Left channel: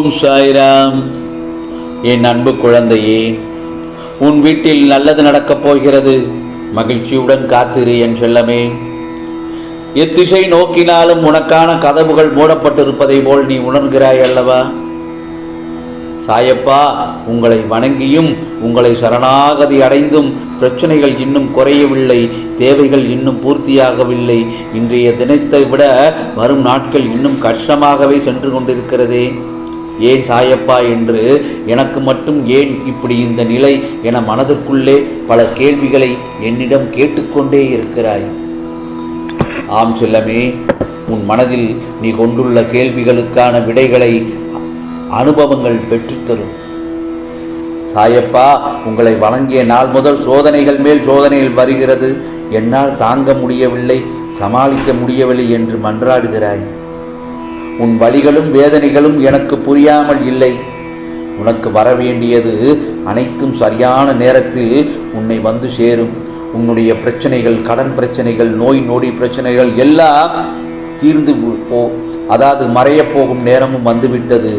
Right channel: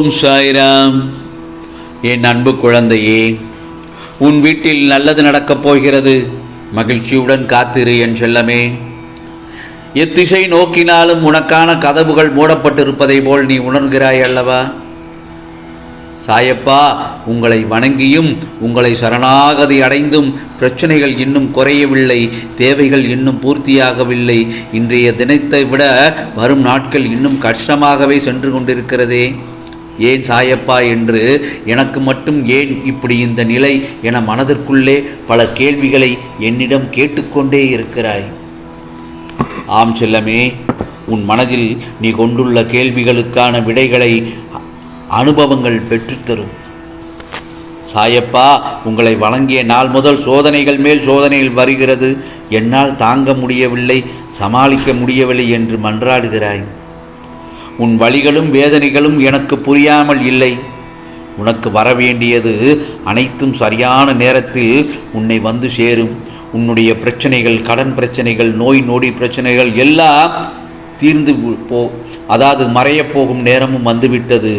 ஓம் சாய்ராம். என் அன்பு குழந்தையே உன் வீட்டில் நல்லது நடக்கப் போகிறது. மகிழ்ச்சியுடன் காத்திரு என் செல்லமே. எத்திசை நோக்கினாலும் உனக்கான கதவுகள் மூடப்பட்டிருப்பதை போல் நீ உணர்கிறாய் அல்லவா? சாயப்பா உங்களை வணங்கியும் உங்களை சரணாகதி அடைந்தும் பிரச்சனைகள் இன்னும் குறையவில்லை தேவைகள் இன்னும் பூர்த்தியாகவில்லை. இன்றைய தினத்தை விட வரும் நாட்கள் இன்னும் கஷ்டமாகவே சென்று கொண்டிருக்கிறதே. ஏன் சாயப்பா என்று எனக்கு மட்டும் ஏன் இப்படி இந்த நிலை என மனதிற்குள்ளே பல கேள்விகளை என்னிடம் கேட்டுக்கொண்டே இருக்கிறாய். ஆம் செல்லமே உன் மனதில் நீ கொண்டுள்ள கேள்விகளுக்கான விடைகளை அனுபவங்கள் பெற்றுத்தரும். சாயப்பா உங்களை வழங்கிய நாள் முதல் சோதனைகள் மேல் சோதனைகள் வருகிறது. என்னால் தாங்க முடியவில்லை சமாளிக்க முடியவில்லை என்று மன்றாடுகிறாய். உன் வழிகளும் வேதனைகளும் எனக்கு புரியாமல் இல்லை. உனக்கு வரவேண்டியது அனைத்தும் சரியான நேரத்தில் உன்னை வந்து சேரும். உன்னுடைய பிரச்சனைகள் கடன் பிரச்சனைகள் நோய் நொடி பிரச்சனைகள் எல்லாம் தீர்ந்து போ அதாவது மறையப் போகும் நேரமும் வந்துவிட்டது.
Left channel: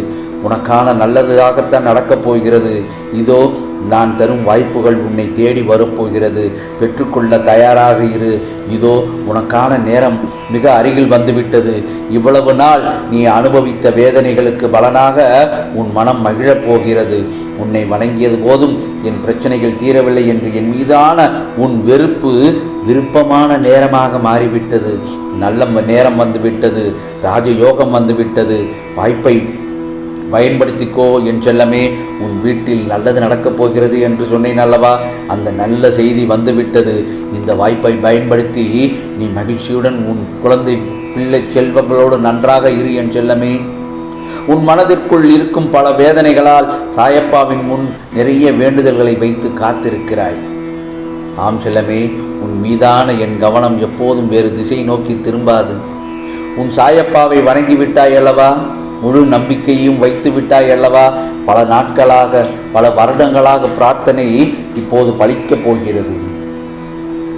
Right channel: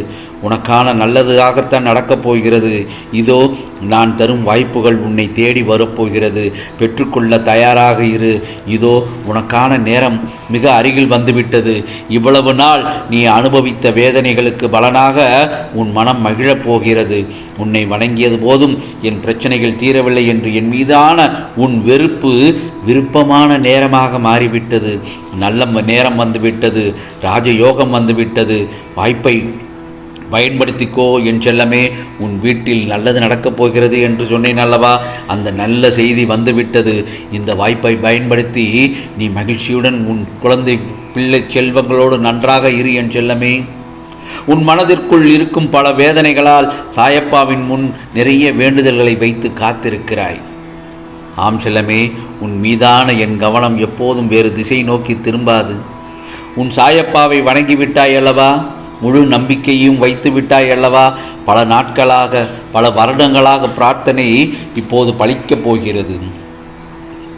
உனக்கான நல்லதாகத்தான் நடக்கப் போகிறது. இதோ நான் தரும் வாய்ப்புகள் உன்னை தேடி வரப்போகிறது. பெற்றுக்கொள்ள தயாராக இரு. இதோ உனக்கான நேரம் மிக அருகில் வந்துவிட்டது. இவ்வளவு நாள் நீ அனுபவித்த வேதனைகளுக்கு பலனாக உன் மனம் மகிழப் போகிறது. உன்னை வணங்கியது போதும். என் பிரச்சனைகள் தீரவில்லை என்று என் மீதான உன் வெறுப்பு விருப்பமான நேரமாக மாறிவிட்டது. நல்ல நேரம் வந்துவிட்டது. ராஜயோகம் வந்துவிட்டது. வாய்ப்பை பயன்படுத்திக்கோ என் செல்லமே உன் வீட்டில் நல்லது நடக்கப் போகிறது என்று சொன்னேன் அல்லவா? அந்த நல்ல செய்தி வந்துவிட்டது. இந்த வாய்ப்பை பயன்படுத்தி நீ மகிழ்ச்சியுடன் உன் குழந்தை பிள்ளை செல்வங்களோடு நன்றாக இரு என் செல்லமே. உன் மனதிற்குள் இருக்கும் பல வேதனைகளால் சாயப்பாவின் முன் நிறைய வேண்டுதல்களை வைத்து காத்திருக்கிறாய். ஆம் செல்லமே உன் மீதான என் கவனம் எப்போதும் வேறு திசை நோக்கி திரும்பாது. உன் சாயப்பாவை வணங்கிவிட்டாய் அல்லவா? முழு நம்பிக்கையும் வைத்து விட்டாய் அல்லவா? பல நாட்களாக பல வருடங்களாக பிரார்த்தனை இப்போது பழிக்கப் போகிறது.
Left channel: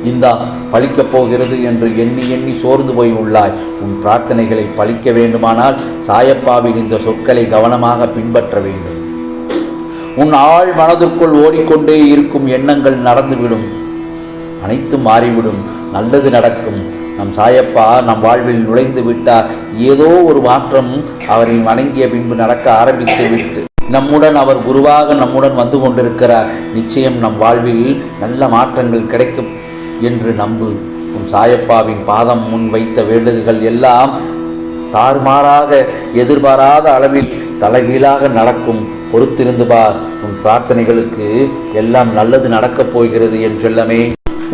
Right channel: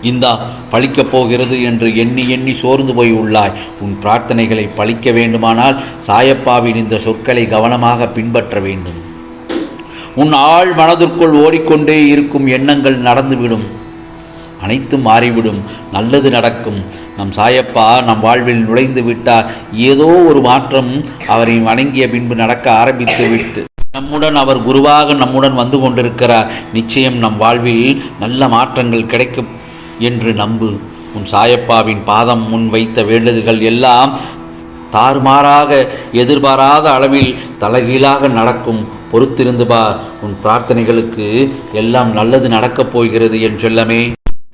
இந்தா பழிக்கப் போகிறது என்று எண்ணி எண்ணி சோர்ந்து போய் உள்ளாய். உன் பிரார்த்தனைகளை பழிக்க வேண்டுமானால் சாயப்பாவின் இந்த சொற்களை கவனமாக பின்பற்ற வேண்டும். உன் ஆள் மனதிற்குள் ஓடிக்கொண்டே இருக்கும் எண்ணங்கள் நடந்துவிடும். அனைத்தும் மாறிவிடும். நல்லது நடக்கும். நம் சாயப்பா நம் வாழ்வில் நுழைந்து விட்டார். ஏதோ ஒரு மாற்றம் அவரை வணங்கிய பின்பு நடக்க ஆரம்பித்து விட்டு. நம்முடன் அவர் குருவாக நம்முடன் வந்து கொண்டிருக்கிறார். நிச்சயம் நம் வாழ்வில் நல்ல மாற்றங்கள் கிடைக்கும் என்று நம்பு. உன் சாயப்பாவின் பாதம் முன் வைத்த வேண்டுதல்கள் எல்லாம் தாறுமாறாக எதிர்பாராத அளவில் தலைகீழாக நடக்கும். பொறுத்திருந்து பார் உன் பிரார்த்தனைகளுக்கு எல்லாம் நல்லது நடக்கப் போகிறது என் செல்லமே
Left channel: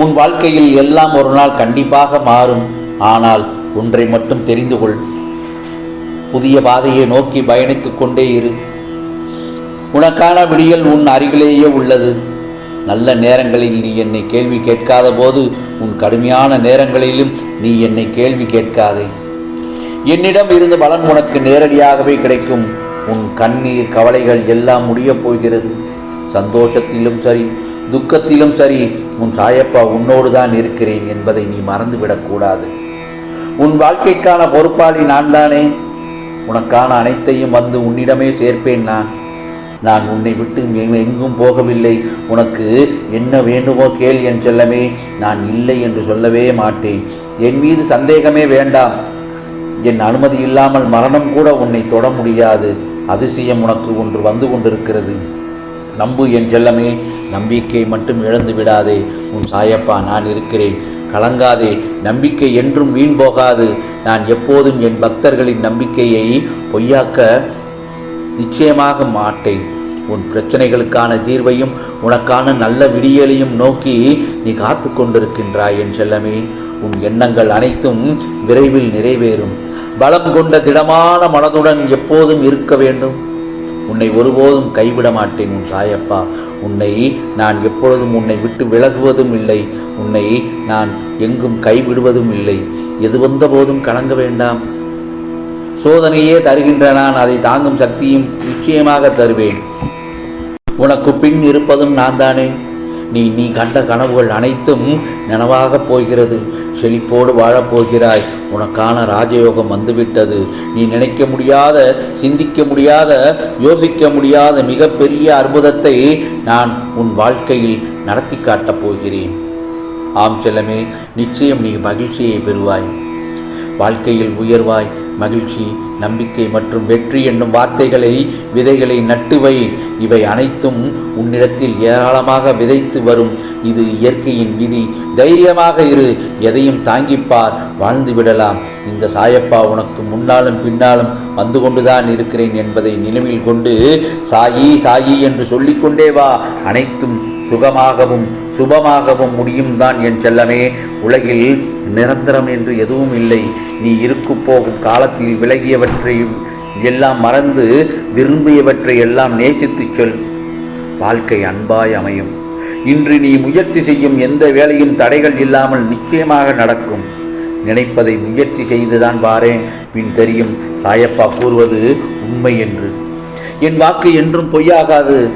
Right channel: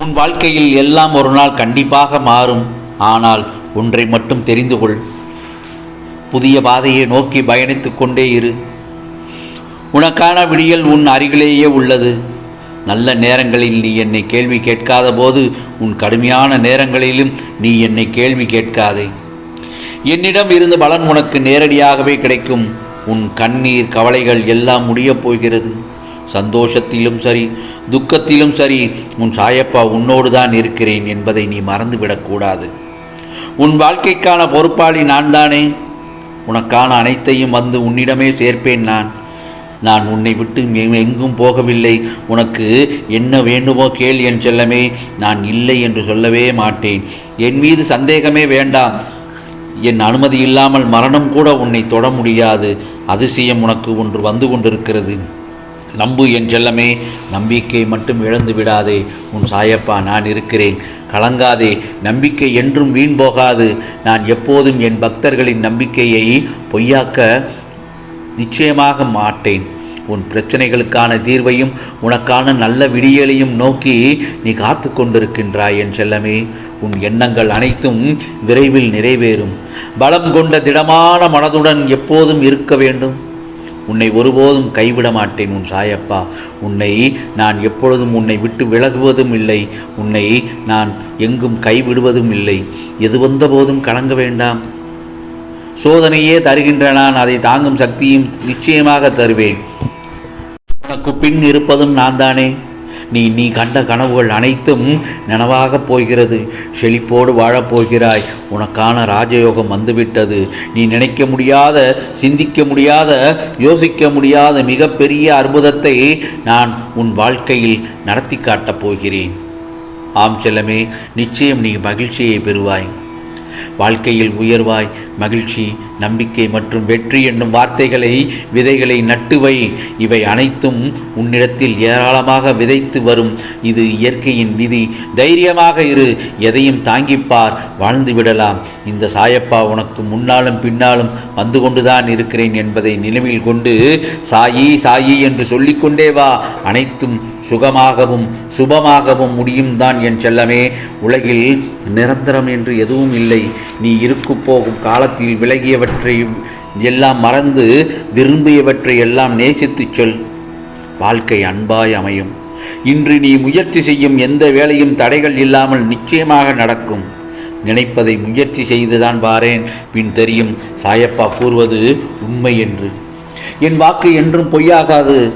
உன் வாழ்க்கையில் எல்லாம் ஒரு நாள் கண்டிப்பாக மாறும். ஆனால் ஒன்றை மட்டும் தெரிந்து கொள். புதிய பாதையை நோக்கி பயணித்து கொண்டே இரு. உனக்கான விடியல் உன் அருகிலேயே உள்ளது. நல்ல நேரங்களில் நீ என்னை கேள்வி கேட்காத போது உன் கடுமையான நேரங்களிலும் நீ என்னை கேள்வி கேட்காதே. என்னிடம் இருந்து பலன் உனக்கு நேரடியாகவே கிடைக்கும். உன் கண்ணீர் கவலைகள் எல்லாம் முடியப் போகிறது. சந்தோஷத்திலும் சரி துக்கத்திலும் சரி உன் சாயப்பா உன்னோடு தான் இருக்கிறேன் என்பதை நீ மறந்துவிடக்கூடாது. உன் வாழ்க்கைக்கான பொறுப்பாளி நான் தானே உனக்கான அனைத்தையும் வந்து உன்னிடமே சேர்ப்பேன் நான். நான் உன்னை விட்டு எங்கும் போகவில்லை. உனக்கு என்ன வேண்டுமோ கேள் என் செல்லமே. நான் இல்லை என்று சொல்லவே மாட்டேன். என் மீது சந்தேகமே வேண்டாம். என் அனுமதி இல்லாமல் மரணம் கூட உன்னை தொட முடியாது. அதிசயம் உனக்கு ஒன்று வந்து கொண்டிருக்கிறது. நம்பு என் செல்லமே நம்பிக்கை மட்டும் இழந்து விடாதே. உன் சாயப்பா நான் இருக்கிறேன். கலங்காதே. நம்பிக்கை என்றும் வீண் போகாது. நான் எப்போதும் என் பக்தர்களின் நம்பிக்கையை பொய்யாக்க நிச்சயமாக மாட்டேன். உன் பிரச்சனைகளுக்கான தீர்வையும் உனக்கான நல்ல விடியலையும் நோக்கி நீ காத்து கொண்டிருக்கின்றாய் என் செல்லமே. உன் எண்ணங்கள் அனைத்தும் விரைவில் நிறைவேறும். பலம் கொண்ட திடமான மனதுடன் எப்போதும் இருக்க வேண்டும். உன்னை ஒருபோதும் கைவிட மாட்டேன் உன் சாயப்பா. உன்னை நான் எப்பொழுதும் உன்னை விட்டு விலகுவதும் இல்லை. உன்னை நான் எங்கும் கைவிடுவதும் இல்லை. எது வந்த போதும் கலங்க வேண்டாம். சோதனையே தருகின்ற நான் அதை தாங்கும் சக்தியும் நிச்சயமாக தருவேன். உனக்கு பின் இருப்பதும் நான் தானே நீ நீ கண்ட கனவுகள் அனைத்தும் நனவாகப் போகிறது. செழிப்போடு வாழப்போகிறாய் உனக்கான ராஜயோகம் வந்துவிட்டது. நீ நினைக்க முடியாத சிந்திக்க முடியாத யோசிக்க முடியாத மிகப்பெரிய அற்புதத்தை நான் உன் வாழ்க்கையில் நடத்தி காட்டப் போகிறேன். ஆம் செல்லமே நிச்சயம் நீ மகிழ்ச்சியை பெறுவாய். வாழ்க்கையில் உயர்வாய். மகிழ்ச்சி நம்பிக்கை மற்றும் வெற்றி என்னும் வார்த்தைகளை விதைகளை நட்டுவை இவை அனைத்தும் உன்னிடத்தில் ஏராளமாக விதைத்து வரும். இது இயற்கையின் விதி. தைரியமாக இரு. எதையும் தாங்கிப்பார் வாழ்ந்து விடலாம். இந்த சாயப்பா உனக்கு முன்னாலும் பின்னாலும் வந்து கொண்டுதான் இருக்கிறேன் என்பதை நினைவில் கொண்டு சாயி சாயி என்று சொல்லிக்கொண்டே வா. அனைத்தும் சுகமாகவும் சுபமாகவும் முடியும் தான் என் செல்லமே. உலகில் நிரந்தரம் என்று எதுவும் இல்லை. நீ இருக்கு போகும் காலத்தில் விலகியவற்றை எல்லாம் மறந்து விரும்பியவற்றை எல்லாம் நேசித்துச் சொல். வாழ்க்கை அன்பாய் அமையும். இன்று நீ முயற்சி செய்யும் எந்த வேலையும் தடைகள் இல்லாமல் நிச்சயமாக நடக்கும். நினைப்பதை முயற்சி செய்துதான் வாரேன். பின் தெரியும் சாயப்பா கூறுவது உண்மை என்று. என் வாக்கு என்றும் பொய்யாகாது.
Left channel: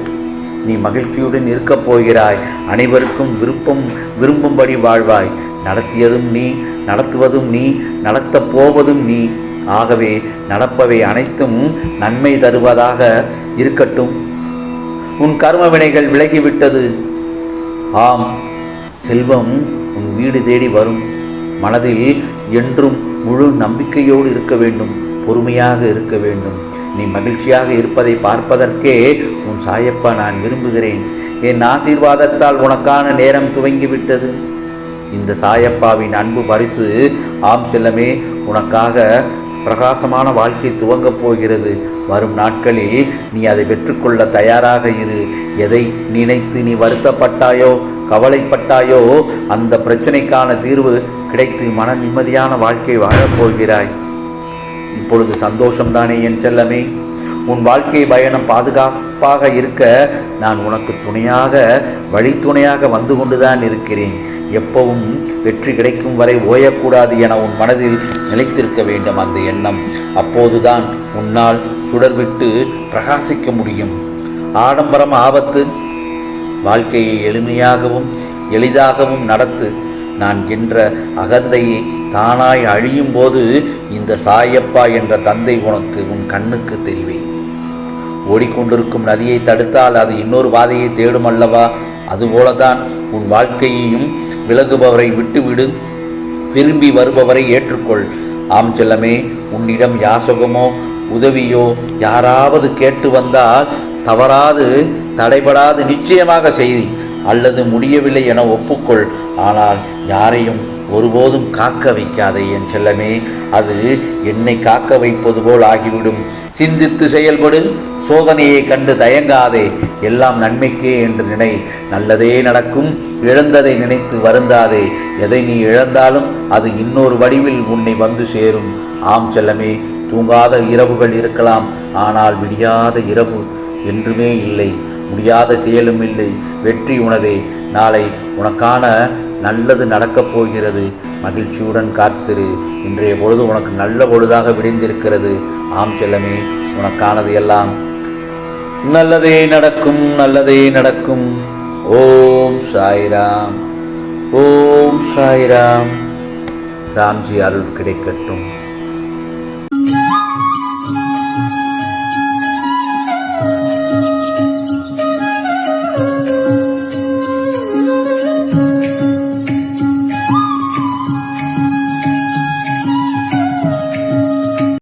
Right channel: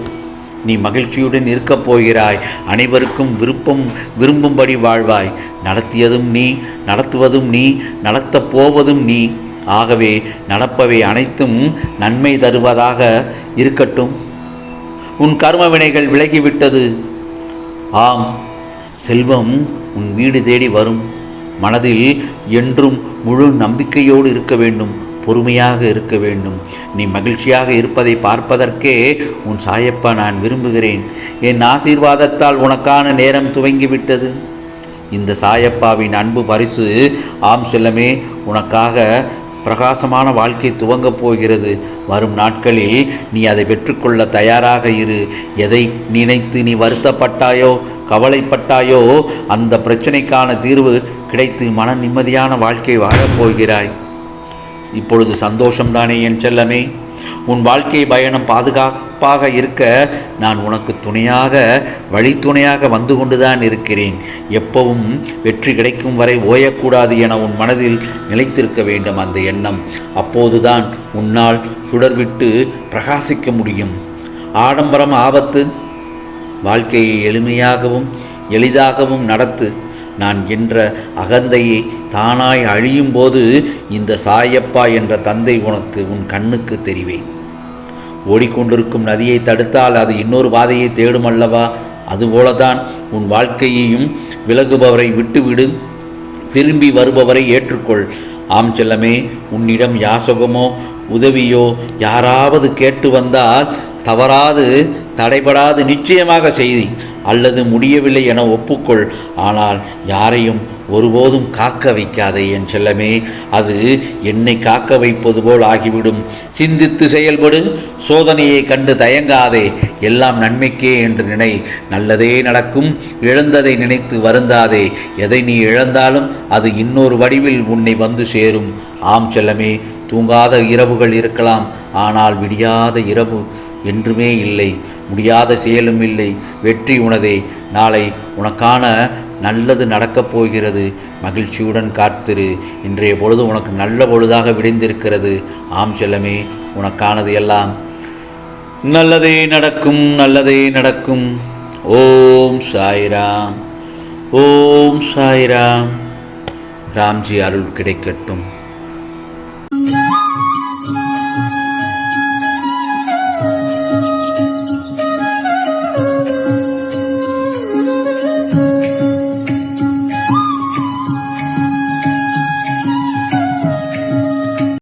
நீ மகிழ்ச்சியுடன் இருக்கப் போகிறாய். அனைவருக்கும் விருப்பம் விரும்பும்படி வாழ்வாய். நடத்தியதும் நீ நடத்துவதும் நீ நடத்தப் போவதும் நீ. ஆகவே நடப்பவை அனைத்தும் நன்மை தருவதாக இருக்கட்டும். உன் கர்ம வினைகள் விலகிவிட்டது. ஆம் செல்வம் உன் வீடு தேடி வரும். மனதில் என்றும் முழு நம்பிக்கையோடு இருக்க வேண்டும் பொறுமையாக இருக்க வேண்டும். நீ மகிழ்ச்சியாக இருப்பதை பார்ப்பதற்கே உன் சாயப்பா நான் விரும்புகிறேன். என் ஆசீர்வாதத்தால் உனக்கான நேரம் துவங்கிவிட்டது. இந்த சாயப்பாவின் அன்பு பரிசு ஆம் செல்லமே உனக்காக பிரகாசமான வாழ்க்கை துவங்கப் போகிறது. வரும் நாட்களில் நீ அதை பெற்றுக்கொள்ள தயாராக இரு. எதை நினைத்து நீ வருத்தப்பட்டாயோ கவலைப்பட்டாயோ அந்த பிரச்சனைக்கான தீர்வு கிடைத்து மன நிம்மதியான வாழ்க்கை வாழப் போகிறாய். இப்பொழுது சந்தோஷம்தானே என் செல்லமே? உன் வாழ்க்கை பயணம் பாதுகாப்பாக இருக்க நான் உனக்கு துணையாக வழித்துணையாக வந்து கொண்டுதான் இருக்கிறேன். எப்பவும் வெற்றி கிடைக்கும் வரை ஓயக்கூடாது என உன் மனதில் நிலைத்திருக்க வேண்டும் அந்த எண்ணம். அப்போதுதான் உன்னால் சுடர்விட்டு பிரகாசிக்க முடியும். ஆடம்பரம் ஆபத்து வாழ்க்கையை எளிமையாகவும் எளிதாகவும் நடத்து. நான் என்ற அகந்தையை தானாய் அழியும் போது இந்த சாயப்பா என்ற தந்தை உனக்கு உன் கண்ணுக்கு தெரிவேன். ஓடிக்கொண்டிருக்கும் நதியை தடுத்தால் அது இன்னொரு பாதையை தேடும் அல்லவா? அதுபோலதான் உன் வாழ்க்கையையும் விலகுபவரை விட்டுவிடு. திரும்பி வருபவரை ஏற்றுக்கொள். ஆம் செல்லமே உன்னிடம் யாசகமோ உதவியோ யாராவது கேட்டு வந்தால் தவறாது தடைபடாது நிச்சயமாக செய்தி. அல்லது முடியவில்லை என ஒப்புக்கொள். ஆனால் யாரையும் ஒருபோதும் காக்க வைக்காதே என் செல்லமே. அது என்னை காக்க வைப்பது போல் ஆகிவிடும். சிந்தித்து செயல்படு. சோதனையை கண்டு தயங்காதே. எல்லாம் நன்மைக்கே என்று நினை. நல்லதே நடக்கும். இழந்ததை நினைத்து வருந்தாதே. எதை நீ இழந்தாலும் அது இன்னொரு வடிவில் உன்னை வந்து சேரும். ஆம் செல்லமே தூங்காத இரவுகள் இருக்கலாம். ஆனால் விடியாத இரவு என்றுமே இல்லை. முடியாத செயலும் இல்லை. வெற்றி உனதே. நாளை உனக்கான நல்லது நடக்கப் போகிறது. மகிழ்ச்சியுடன் காத்திரு. இன்றைய பொழுது உனக்கு நல்ல பொழுதாக விடிந்திருக்கிறது. ஆம் செல்லமே உனக்கானது எல்லாம். நல்லதே நடக்கும் நல்லதே நடக்கும். ஓம் சாய்ராம். ஓம் சாய்ராம். ராம்ஜி அருள் கிடைக்கட்டும்.